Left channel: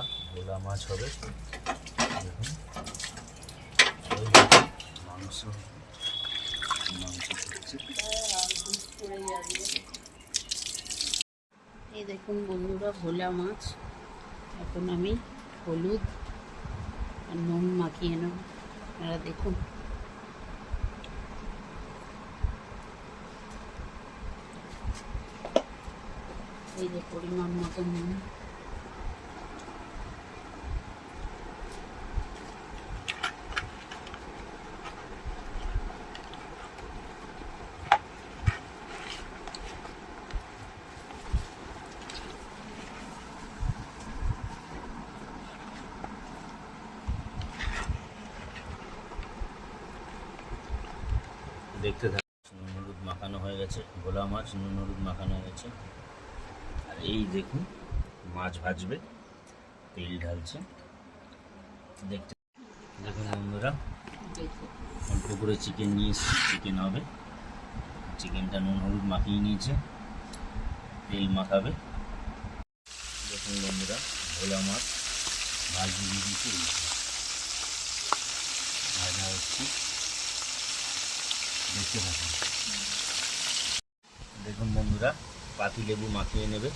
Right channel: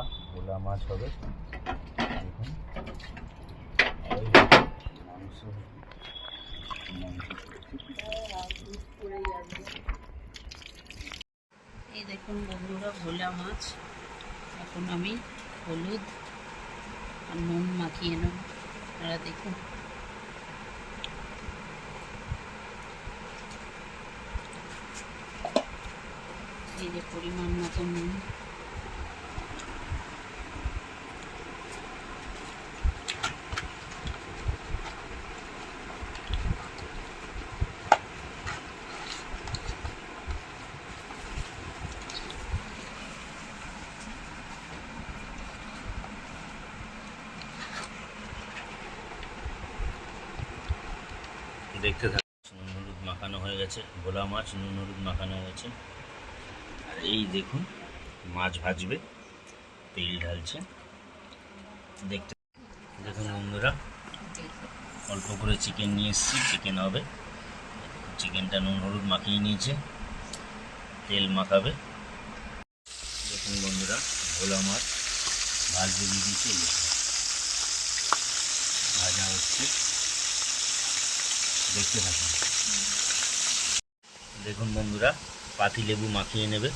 বন্ধুরা, ভোলা মাছ হবে। দেখুন মাংস এই দেখুন বন্ধুরা, ভোলা মাছ। এখন আমি হলুদ আর নুন মাখিয়ে নেব। আপনারা দেখুন, এই যে পরিমাণ মতো নুন। দেখতে থাকুন। নুন হলুদ মাখানো হয়ে গেছে, ভোলা মাছ নুন হলুদ মাখানো হয়ে গেছে। আর এই দেখুন মাছ ভাজবে, তেল ঢালছে। দেখতে দেখুন বন্ধুরা, অল্প করে চিকেন নিয়ে এসেছি, চিকেন হবে। চিকেনটা নুন হলুদ মাখিয়ে নিয়েছে, তেল মাখাবে। দেখুন বন্ধুরা, ভোলা মাছ ভাজতে দিয়ে দিয়েছে, ভাজা হচ্ছে। দেখতে থাকুন। দেখুন বন্ধুরা, পাতিলেবু মাখিয়ে নেবে।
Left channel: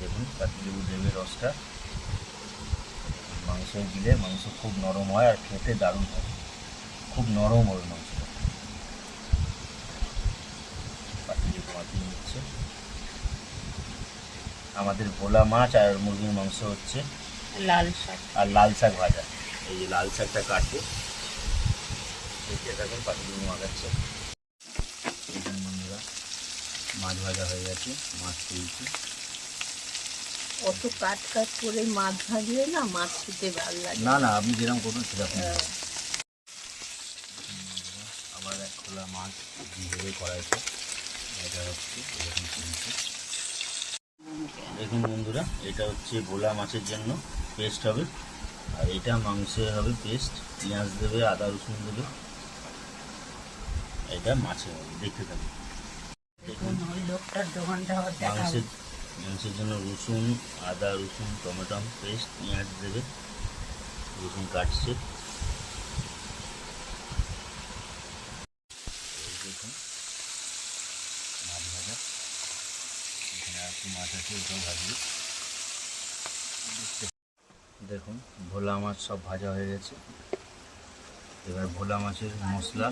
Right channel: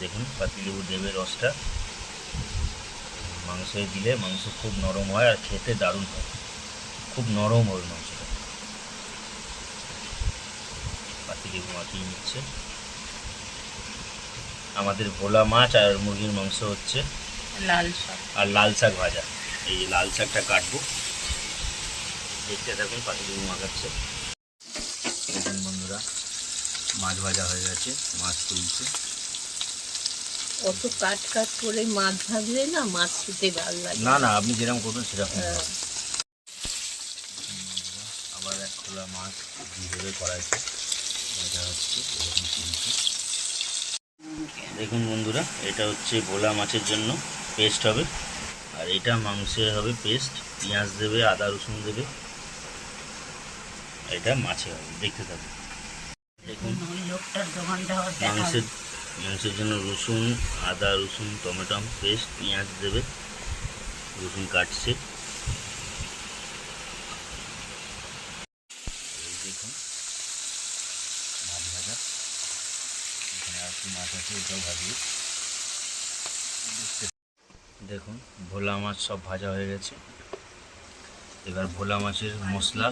দেখুন পাতিলেবু দেবে রসটা। মাংসে দিলে মাংস খুব নরম হয় আর খেতে দারুণ হয়, খুব নরম হবে মাংসটা। পাতিলেবু মাখিয়ে নিচ্ছে। আমাদের ভোলা মাছ আর মুরগির মাংস হচ্ছে লাল শাক আর লাল শাক ভাজা। এই যে লাল শাকটা কাটবো, দেখতে থাকুন। পাতিলেবু মাখাচ্ছে। দেখুন বন্ধুরা, মাছ ভাজা হয়ে গেছে, মাছ তুলছে। অত কাট করে মাছ ভাজলে না, মাছ খেতে ভালো লাগে না না, আপনি যেরকম করবেন সেরকম। আবার এক খোলা মাছ দিয়ে দেবে কড়াইতে, ভাজা হচ্ছে। এরকম তুলছে। দেখুন বন্ধুরা, এটা হচ্ছে ভোলা মাছের জন্য পেস্ট হবে, আর এটা মাংসে হবে পেস্ট। পেঁয়াজ দেবে, আদা রসুন দেবে, এটা মাছে হবে। দেখতে থাকুন। দেখুন মাংসের জন্য রসুন, আদা রসুন, টমেটো পেস্ট, পেঁয়াজ দেবে, রসুন কাটছে। দেখুন মাছ ভাজা, এখানে আর কি মাছ আছে, ওটাও ভাজবে। দেখুন ভোলা মাছ সব ভাজা হয়ে গেছে। এবার ভোলা মাছের মশলা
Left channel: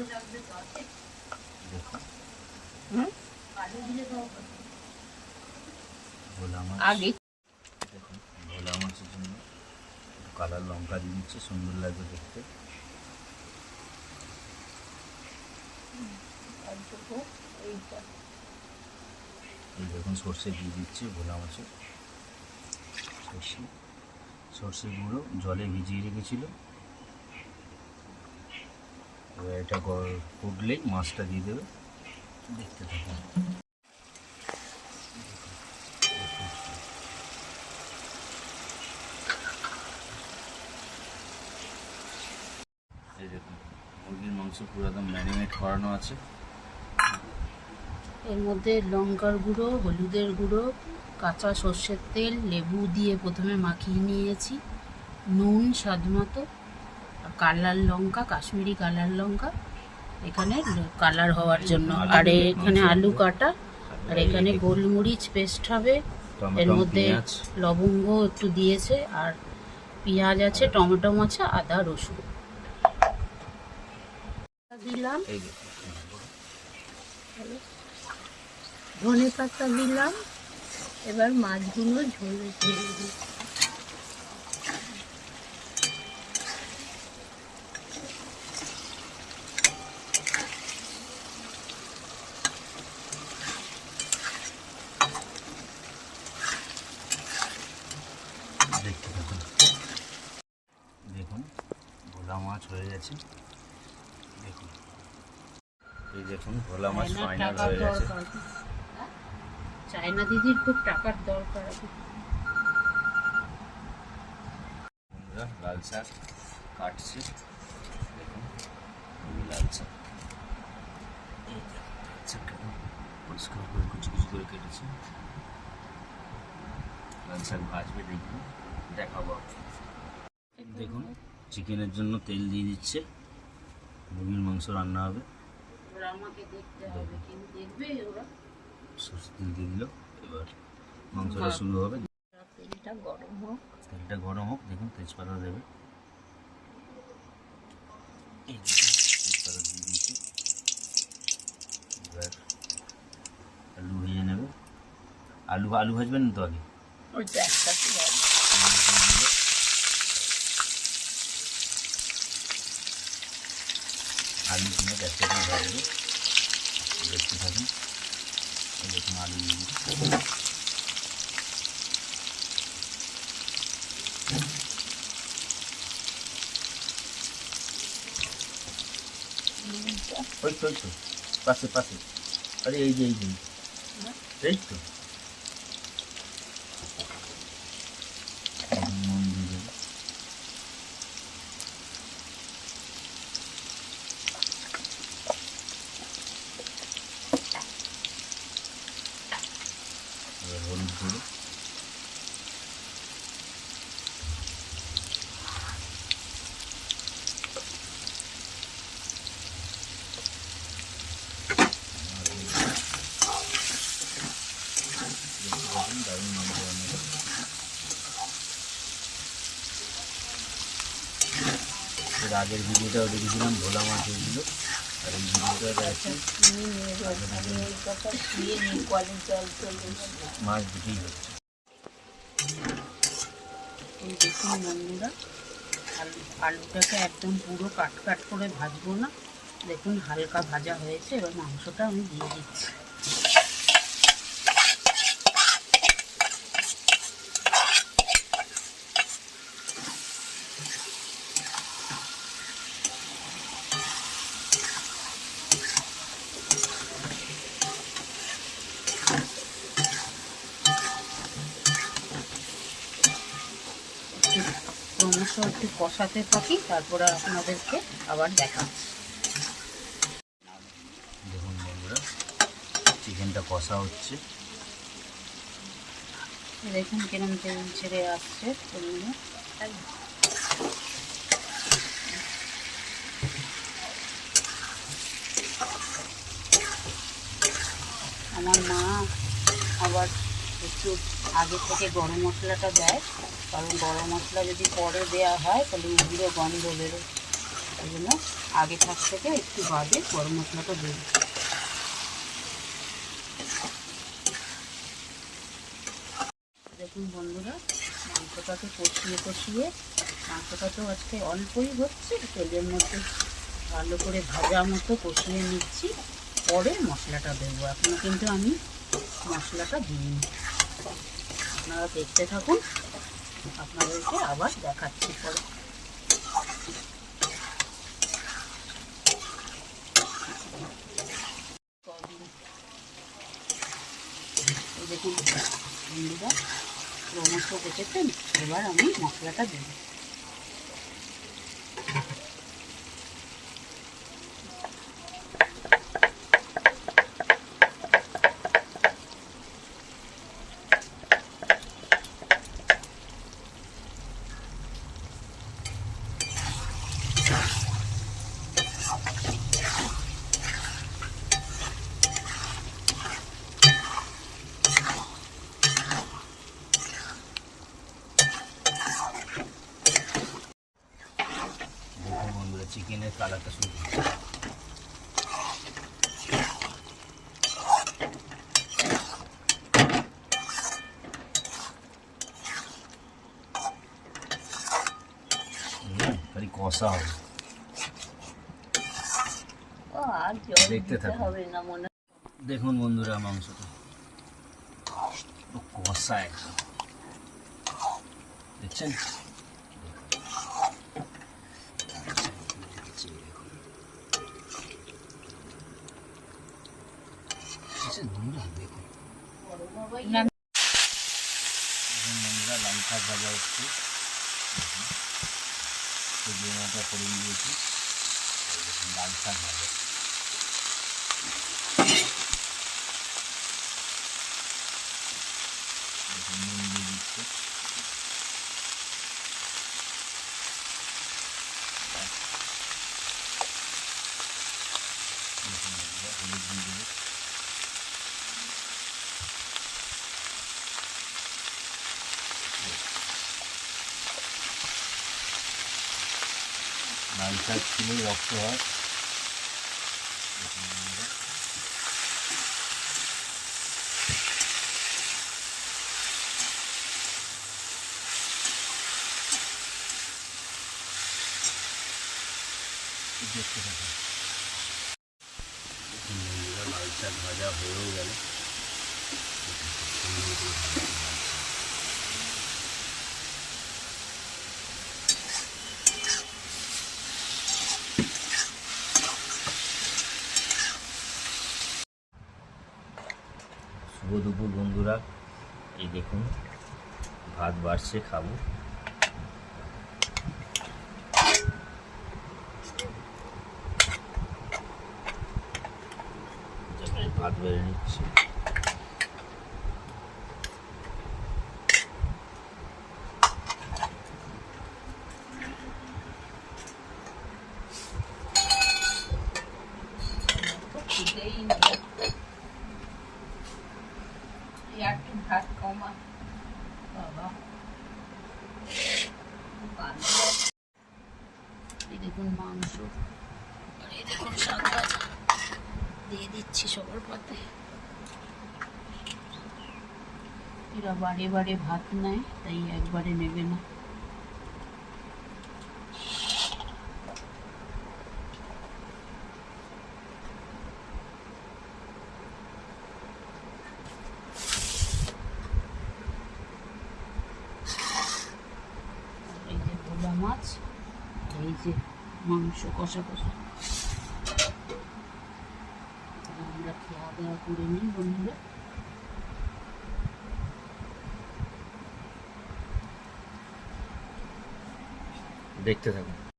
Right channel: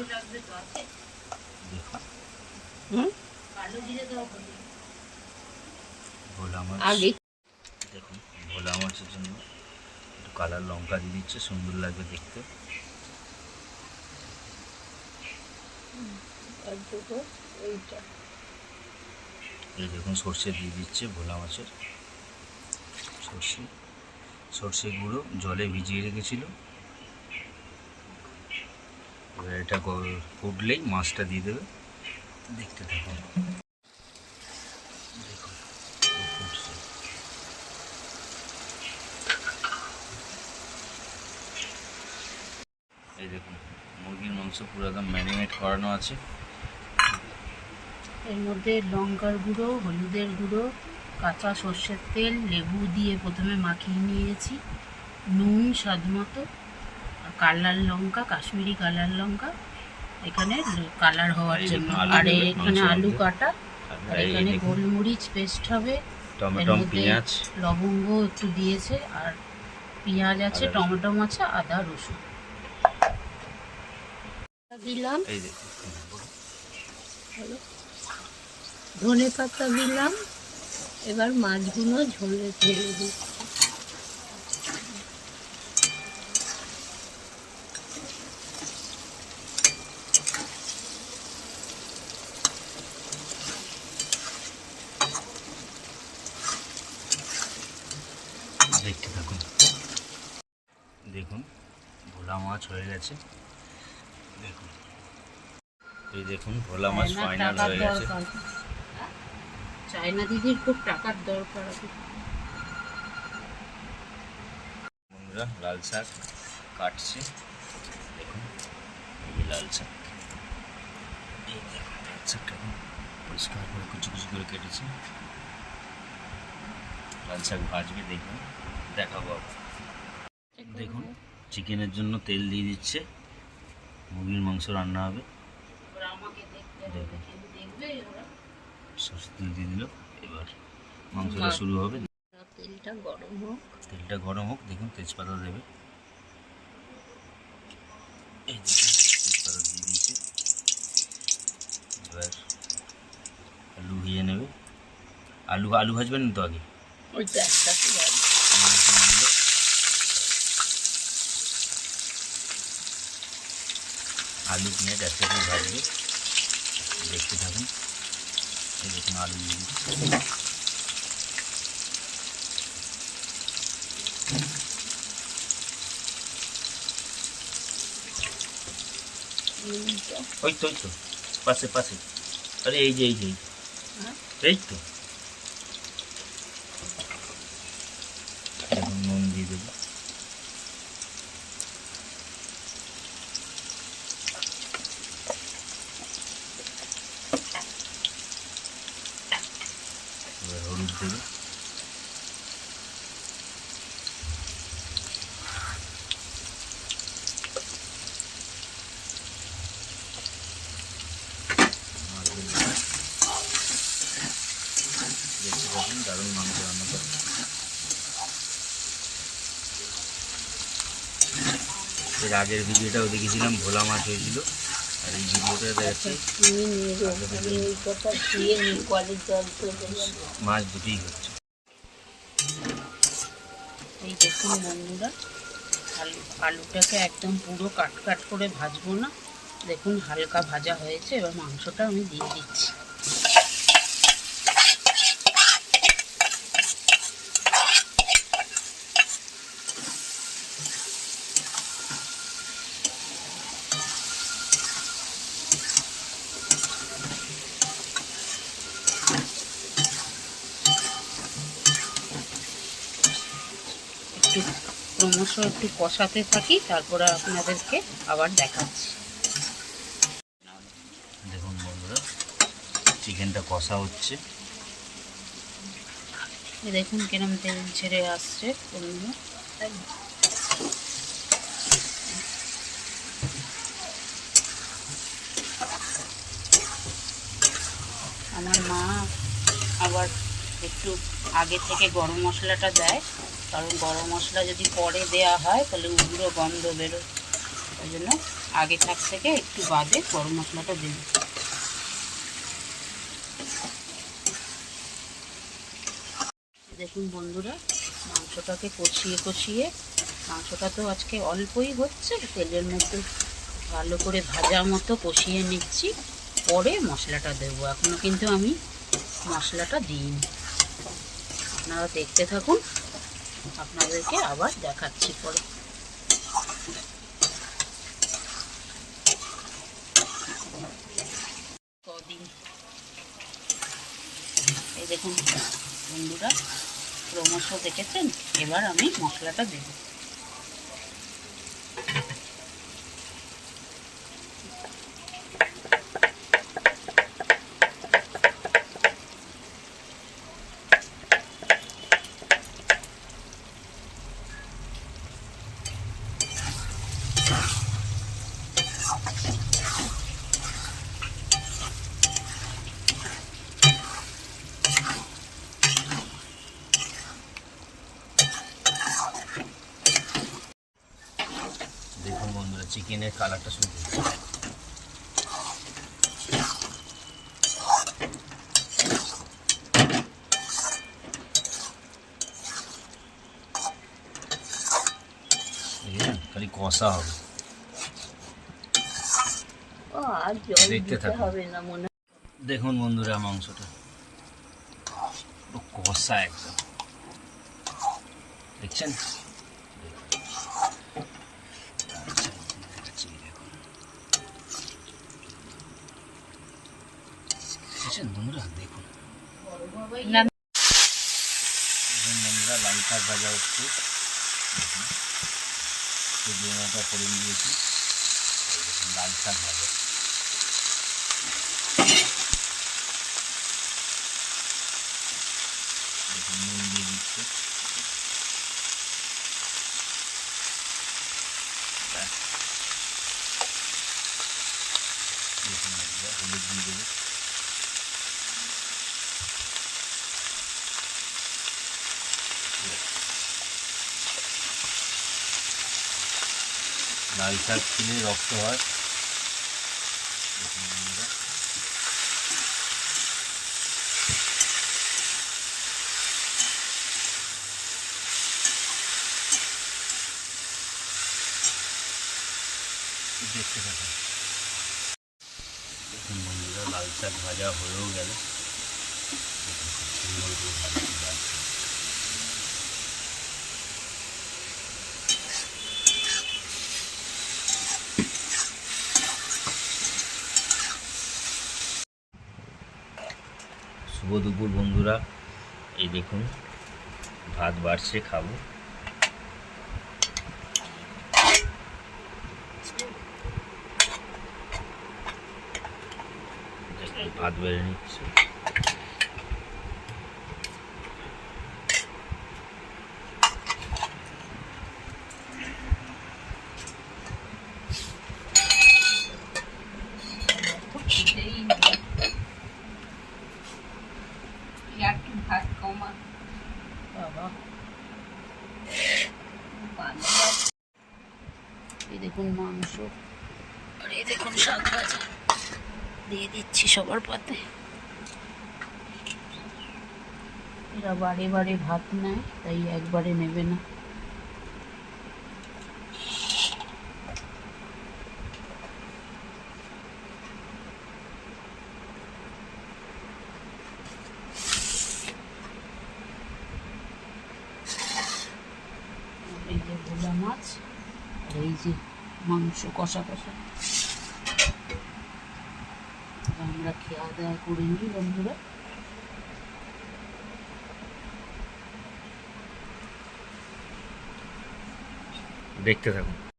দেখুন। ভোলা মাছ দেখুন, ভোলা মাছের জন্য একটু কালার লঙ্কা দিয়ে দিচ্ছে, সুন্দর লাগবে দেখতে। এই দেখুন সর্ষে দিয়ে দিচ্ছে ভোলা মাছের, সর্ষে গুঁড়ো জলে ভিজিয়ে রেখেছিল। এবার এটা ফুটলেই মাছটা দিয়ে দেবে। দেখতে থাকুন। দেখুন ফুটছে। এই দেখুন মুরগির মাংস পুরো একদম ম্যারিনেট করানো আছে। এর মধ্যে লঙ্কার গুঁড়ো, হলুদের গুঁড়ো, কাঁচা সর্ষের তেল, লেবু দিয়ে প্রথমে মাখিয়ে নিয়েছি, নুন স্বাদ মতো, আর কালার লঙ্কা, কাশ্মীরি কালার লঙ্কা এখানে কালার হওয়ার জন্য। আর এখানে আলু কাটা, আর এখানে গোলমরিচ পেস্ট হবে। এর মধ্যে লবঙ্গ একটু দিয়েছে, আর পেঁয়াজ আছে, টমেটো আছে, আদা রসুন দিলাম, ধনে পাতা দিলাম। এবার মাছগুলো ঝোলে ঢেলে দিই। দেখতে থাকুন। দেখুন ভোলা মাছ হয়ে গেছে। দেখুন এই দেখুন ভোলা মাছ ফাইনাল হয়ে গেছে। চায়না দিদির খুব টাকার দরকার। বন্ধুরা লাল শাক কাটছি, দেখুন এই লাল শাক, এই দেখুন লাল শাকটা পরিষ্কার করে কুচি কুচি করে কেটেছি। লাল শাক ভাজবে, দেখুন দেখাবো। দেখুন চিকেনের জন্য তেল দিয়ে দিচ্ছে, মুরগির মাংস রান্না হবে। এবার আমাকে দেখতে হবে, কেউ দেখবে ওরা? সরষের তেল দিয়ে দিল, এবার মাংসটা শুরু হবে। তেলটা গরম হোক। তেলটা গরম হোক, দেখুন তেজপাতা দেবে, এই তেজপাতা দিয়ে দিয়েছে। এবার আলু ভেজে নেবে। আলু ভাজবেন না তো আগে? ওইটা একটা মাছ দিয়ে দিল। আলু পেঁয়াজ একসাথে ভাজবে, দেখতে থাকুন। এই দেখুন আলু দিয়ে দিচ্ছে। ওই তো পাশে আরে এই যে এই তো এখন নুন দিয়ে দেবো। এবার হলুদ দেবে, দেখতে থাকুন দারুণ মাংস রান্না করে। এর আগের ভিডিওটাও দেখেছিলাম, ভোলা মাছ হয়েছিল, আর এই ভিডিওটা দেখাচ্ছি মাছ দুটোই হচ্ছে। এই দেখুন বন্ধুরা, আলুটাকে একদম পুরো কাট করে ভাজবো না, দেখুন হালকা ভাজা হয়েছে। এবার মাংসটা আমি দিয়ে দিচ্ছি। ক্রমশ একটু কষাতে থাকি, তারপরে আপনাদেরকে আবার দেখাচ্ছি। দেখুন বন্ধুরা, চিকেনটা কষা হচ্ছে, দেখুন কিরম তেল ছেড়ে আসছে বন্ধুরা। আমার মা আবার একটু আগে থেকে গরম মশলাটা দেয়, কারণ গরম মশলা যদি পরে দেওয়া হয় তাহলে উগুলো গন্ধ বেরোয়, ওই জন্য আগে থেকে একটু বাদে গরম মশলাটা দেবে। দেখুন বন্ধুরা, মাংসটাকে কষিয়ে মাংসটা তো আজকে অল্পই হচ্ছে, তেলের মধ্যে ভালো করে ভাজা মতো কষিয়ে নিচ্ছি, পরে মশলাটা দেবো। এখনও কিন্তু আমি মশলাটা দিইনি। আপনারা দেখতে থাকুন, আপনাদেরকে আবার দেখাচ্ছি পরে। কদিন এই দেখুন বন্ধুরা, ক্রমশ দেখেছেন। এবার আমি মশলাটা দেব। দেখুন বন্ধুরা, চিকেনের কালারটা শুরু হচ্ছে। খালি কষা হবে, দেখতে থাকুন। দেখুন বন্ধুরা, মাংসটা কষা একদম, দেখছেন? বন্ধুরা দেখুন, বন্ধুরা লাল শাক ভাজা হচ্ছে, সবজিটা করে দিয়েছি, লাল শাক ভাজা। নুন দিয়ে দিচ্ছে, লাল শাক খেলেই রক্ত হয়। দেখুন বন্ধুরা, দেখতে থাকুন। দেখুন বন্ধুরা, লাল শাক ভাজা হয়েও গেল। দেখুন খুব সুন্দর করে ভাজাটা লাগছে। শুভ দুপুর বন্ধুরা, এই দেখুন ভাত বাড়ছে, খাবো। দেখুন ভাত বেড়ে নিচ্ছে। খেতেই একটু ভাত কমা বাবা। এই দেখুন মাংস, আর এই দেখুন শাক ভাজা দিয়ে দিচ্ছি সবার পাতে। এরা বারে বারে ভাত নেয়, তাই একবারে নেবে না। এই যে ভোলা মাছ, এই যে মাংস কষা কষা। আমরা খাওয়া দাওয়া করে নিই বন্ধুরা। দেখতে থাকুন।